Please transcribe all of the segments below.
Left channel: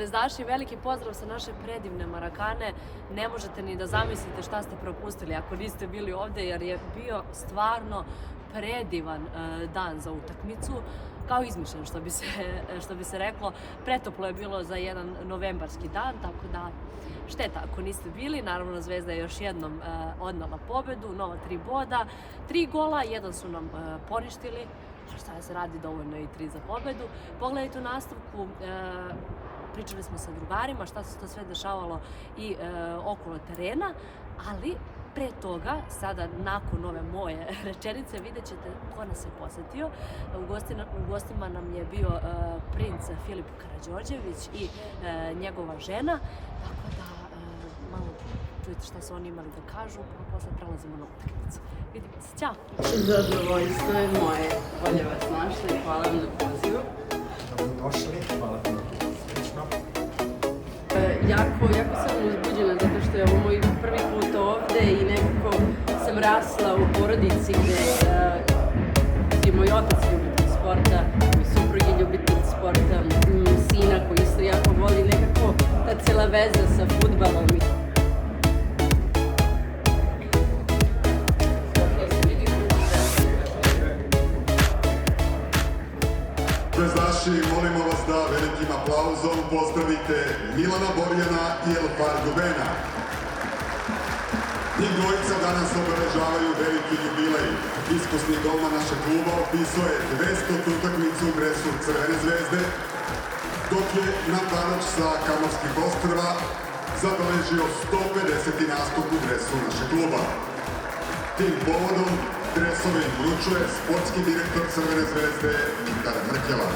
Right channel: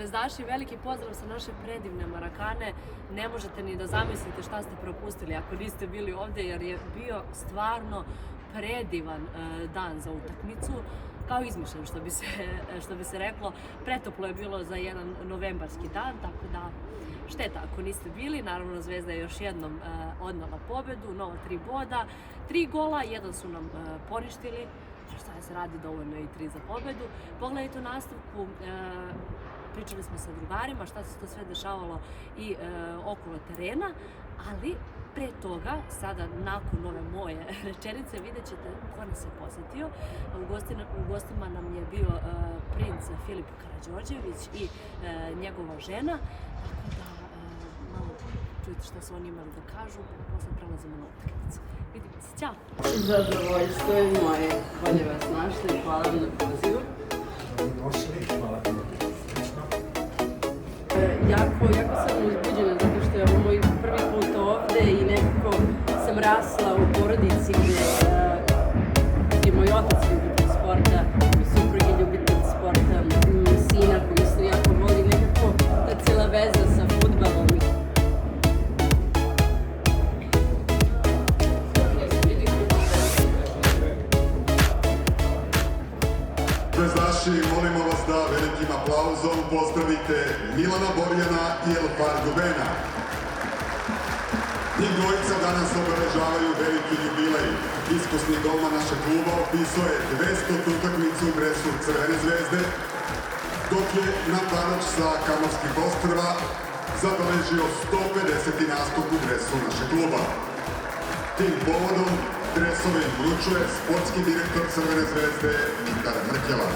Zvezdaši, veliki pozdrav sa naše predivne Marakane. Ne možete ni da zamislite šta ste propustili ako niste bili ovde, jer je bio stvarno predivan dan za utakmicu, kao izmišljen što bi se reklo. Pretoplo je bilo za jedan novembarski dan, tako da šteta ako niste bili. Naravno, Zvezda je još jednom odnela pobedu, nova 3 boda, 3 gola, jedan su nam poništili. Šta se radi, dovoljno je i 3 za pobedu. Pogledajte u nastavku, pričali smo sa drugarima šta se to sve dešavalo i okolo terena, ali pre toga, sada nakon ove moje rečenice, vidjet ćete ko nas je posetio. U gostima nam je bio princ Filip Karađorđević i njegova žena, tako da malo čujete šta su oni imali da kažu, pa posle prelazimo na utakmicu. Vidimo se, ćao! Zadovoljstvo je moje, bolje vas našli i hvala vam na pozivu. Dobrodošli, hvala vam na lično. Jako sam uzbuđena zato što je ovo moj prvi put ovde i nekako sam rasla u porodici gde je moj otac ljubitelj sporta, moj suprug je ljubitelj sporta, sina koji isto jako voli, nekako ta cela veza sa fudbalom. Zvezdaši, molimo vas da velikim aplauzom pozdravite Milana Borjana i Elfar Gubena. Njih dvojica danas obeležavaju veliki jubilej. Iskusni golman našeg kluba opisao je 200. utakmicu u dresu Crvene zvezde, dok je napadač sa Kamorskih ostrva zabeležio 150. nastup u dresu našeg kluba. Tim povodom dresove im vručuje sportski direktor Crvene zvezde Viktor Mrkela.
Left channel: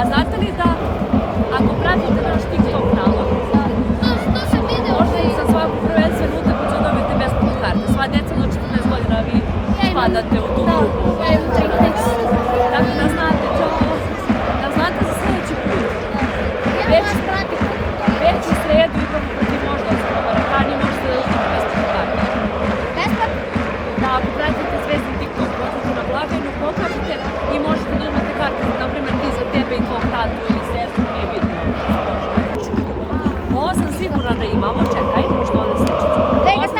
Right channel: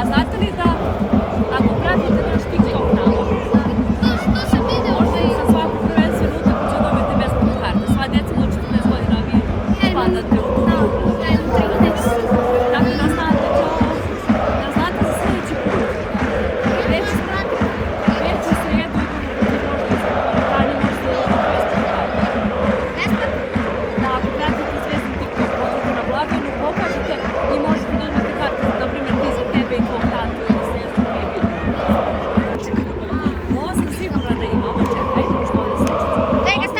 A znate li da ako pratite naš TikTok nalog, možete za svaku prvenstvenu utakmicu dobijete besplatne karte. Sva djeca do 14 godina vi spadate u tu grupu. Tako da znate, da znate za sljedeći put. Već u sredu igramo protiv Moždovca na Marakani, možete da uzmete besplatne karte. Da, ako pratite Zvezdin TikTok, odete na blagajnu, pokažete i možete da uzmete karte, na primjer ti za tebe i tvog tatu ili sestru, nije bitno. Ovo sam sigurna da imamo, čekaj, pošto ovdje sličica. Ovo sam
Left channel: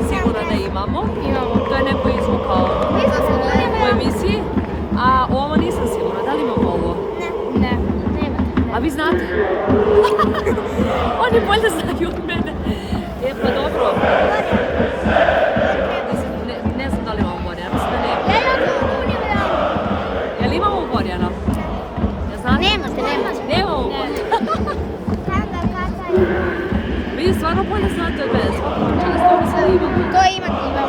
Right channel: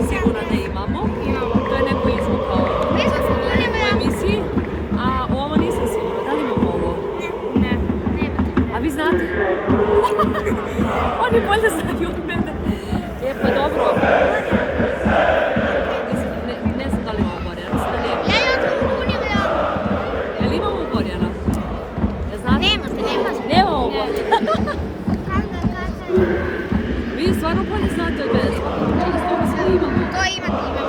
100% sigurna da imamo, to je neko izvukao u emisiji, a ovo nisam sigurna, da li imamo ovo? Ne. A vi znate? Oni bolje znaju od mene. Pa dobro. Ne znam da li imamo Borjana, mislim da nema. Jel imamo Borjana? Ja znate? Nemamo. Vi stvarno bolje znate od mene, stvarno mislim da imamo. To imate.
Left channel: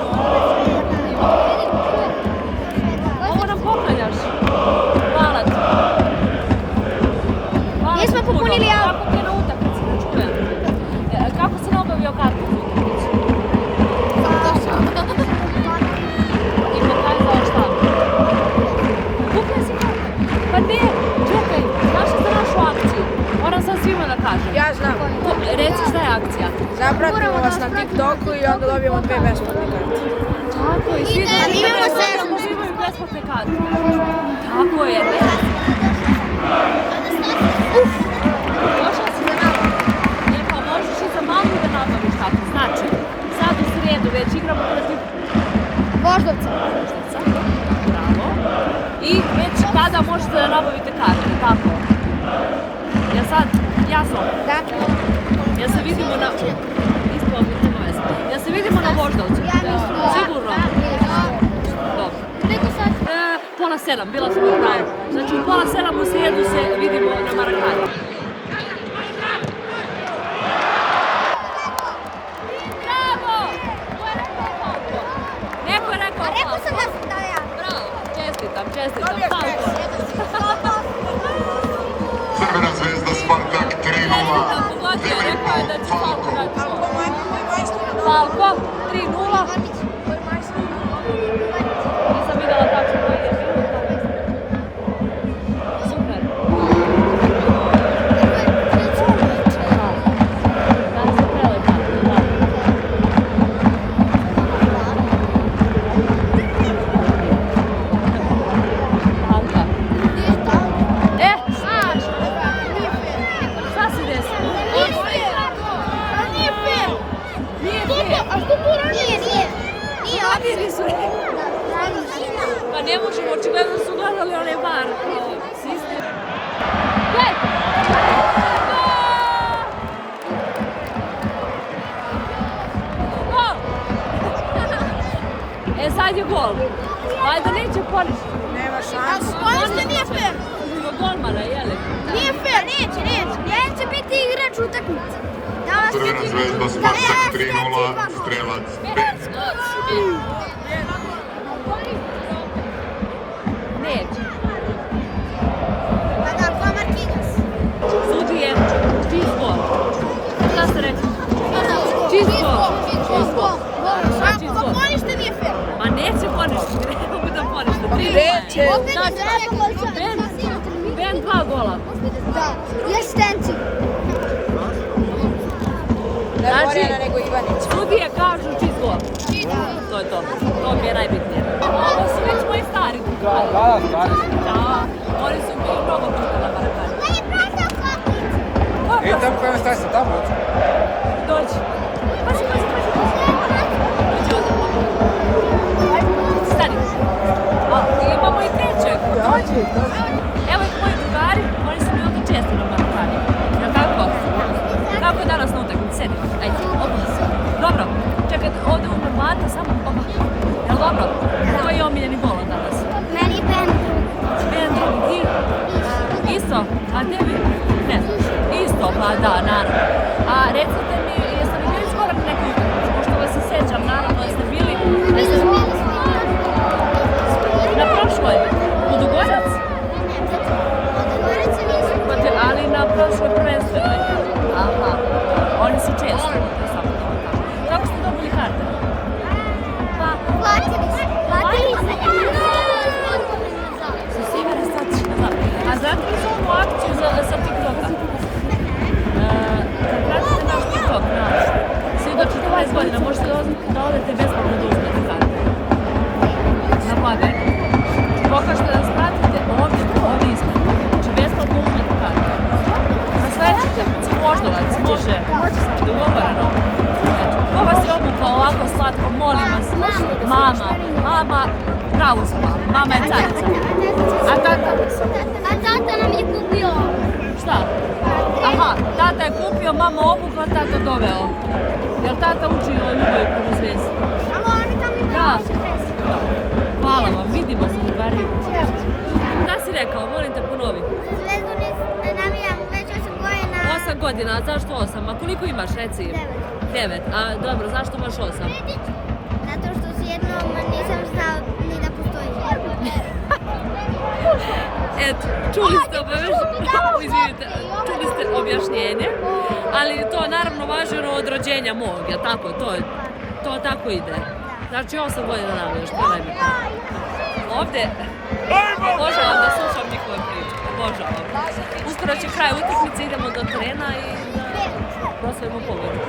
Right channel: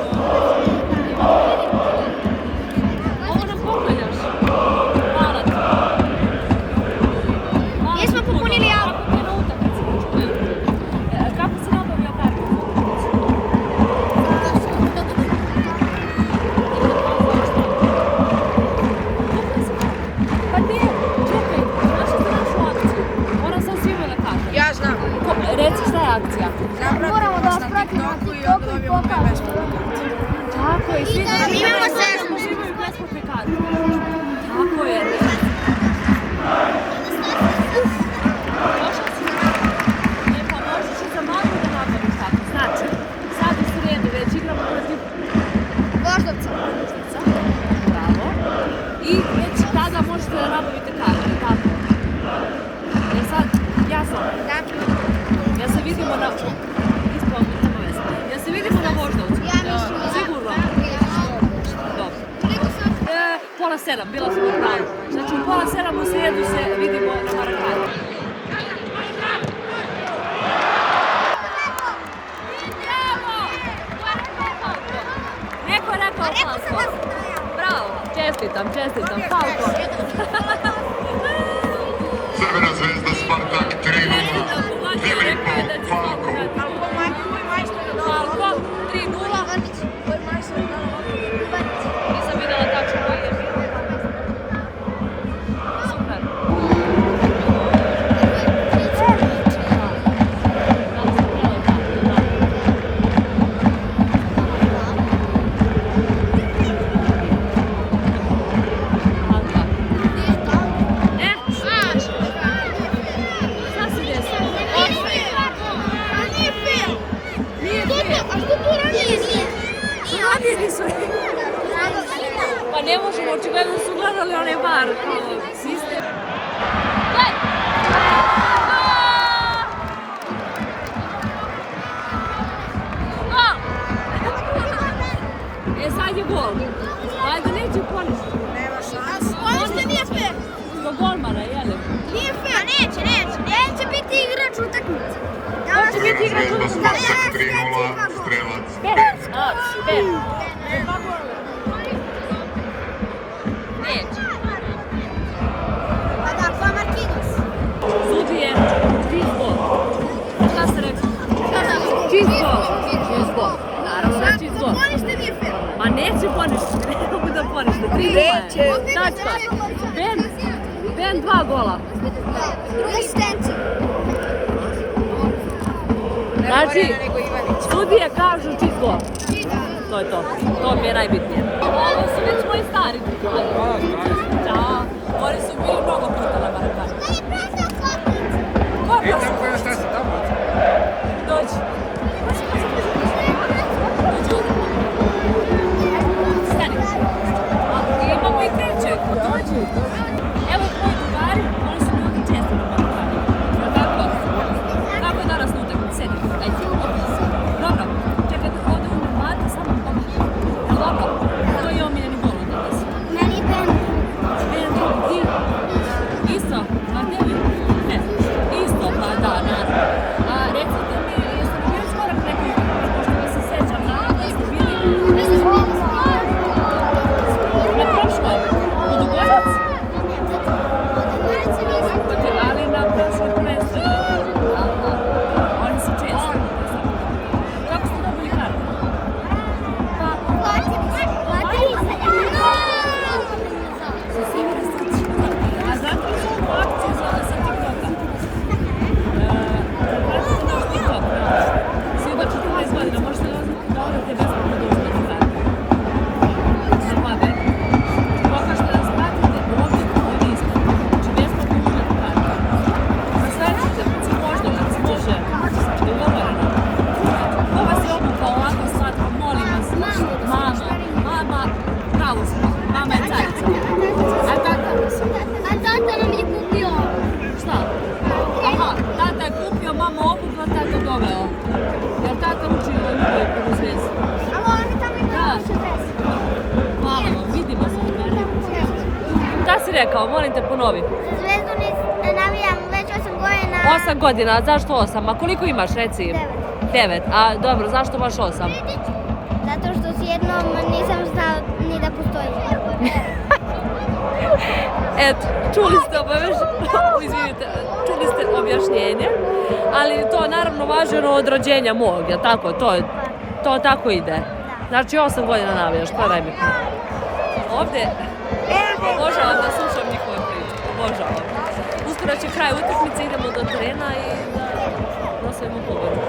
Ovo nam poklanjaš. Hvala ti. Hvala ti puno. Kako ti je na utakmici? Kako si nabavio kartu za utakmicu? I pokazao šta? Kupio si kartu? Pa ne, čekaj, znaš za našu akciju? Moram sad svima da kažem. Ja znam. Reci šta je akcija? Zapratimo vas na TikToku i onda dobijemo 2 besplatne karte. Tako je, svi da uživaju besplatne karte. Tako je. Došla si na pa možeš i za mamu da nabaviš tako. Znači, sad u srijedu već igramo protiv Voždovca. Voždovca. Bravo. I već tada možete da nabavite karte, tako? Jel sad jasno? Ja se vidimo na... Isplavno, nema veze. Ja se vidimo na Voždovcu. Sigurno? Dobro. Pola 7, bila sam u pravu. Znači u pola 7 u srijedu se vidimo na Marakani. Neko je rekao... Rekao sam da sam to ja. Bravo, čestitam, Falko. Crvena zvezda Spartak 3:0. Filipov Falko. Moj majstor je dobro. Falko, 3:0. Nisam vidjela tačno koji je. Super. Šta se desilo? Nije fair. Mladi nisu rekli. Pa ne možemo, očigledno su gledali onaj bar kao sistem. Gol! E sad je gol. Valjda neće poništi. Nema šanse. Ponište nije fair. Ima golmana, jeli? Nije fair, neće. Neće biti igrač utakmice. Crvena zvezda Spartak 3:0. Strelac Ben. Neće. Pa da, ko Marquinhos. Sudije, cheese ball. Šta ste rekli? Cheese ball. Cheese ball. Naravno, cheese ball. Ponište nije fair. Ma neće poništi, ne mogu da ponište. 3:0 je. Ben 2 gola. I asistenci. Ne Znači, Borjana nego Ivanić. sudije kažu cheese ball. To je to. To mi je najbitnije. Ovo su već moji stari. Da, oni su bili mnogo puta na Marakani. Da je prazao klopnic. Idem kao šta si tamo? Dođi. Pazi. Dođi ovdje. Stani. A, imamo i trećeg. Dođi. Evo ih moji drugari, oni su mi ovdje često na Marakani. Jel' tako? Kako je danas na utakmici? Sedi. Ajde, opa. Dobro. Čekaj, ovdje umem mata, samo opa. Jel' dobro? Koji je omiljeni gol danas? Meni je Ben Ben drugi. Isto? A tebi? Ne znaš. Isto, pa da, naravno. A recite mi, jeste li bili skoro na nekoj utakmici? Pošto vas se sećam, naravno, jeste bili na prošloj. U Dugorac? Od Goraca nije prošle prvenstveno. Aha, oni su često. Kako ste dobili karte? Platili se. Sa Sivere statiš nazad. A znate li su onu akciju sa TikToka? Kad pratite naš TikTok, svi do 14 godina možete da odete besplatno da uzmete karte. Na blagaj. Pokažete da spratite ovdje isto. Znači besplatno uzmete karte. Sa sledećete, Voždovac, može. Dogovoreno. Ko vas je obukao ovako slatko, molim vas. Mama, pravo su mama. Mama je carica. A tata? A tata nam je kupio. Šta? Aha, tata je kupio, mama obukla, tata doveo. Jel tata uči o ljubavi prvu zvezdu? Da. Hvala vam, vidimo se u Bari. Šta si rekao, molim te ponovi. Za Zvezdu navijam već 8 godina. 8 godina, a zašto 8? A koliko imaš, reci? 9. A dobro, zašto baš 8? Zato što s jednom nisam znao ni da postoji. Eto, čuli ste izvinite, čuli ste objašnjenje, ali to naravno važno od rođenja mog, jel tako? To tako ide. Znači 8 godina navijaš, to je nebitno. Ovdje, obožavam da slušam njihove priče, obožavam. Uskoro će kraj utakmice, idemo do terena i da proslavimo pobedu.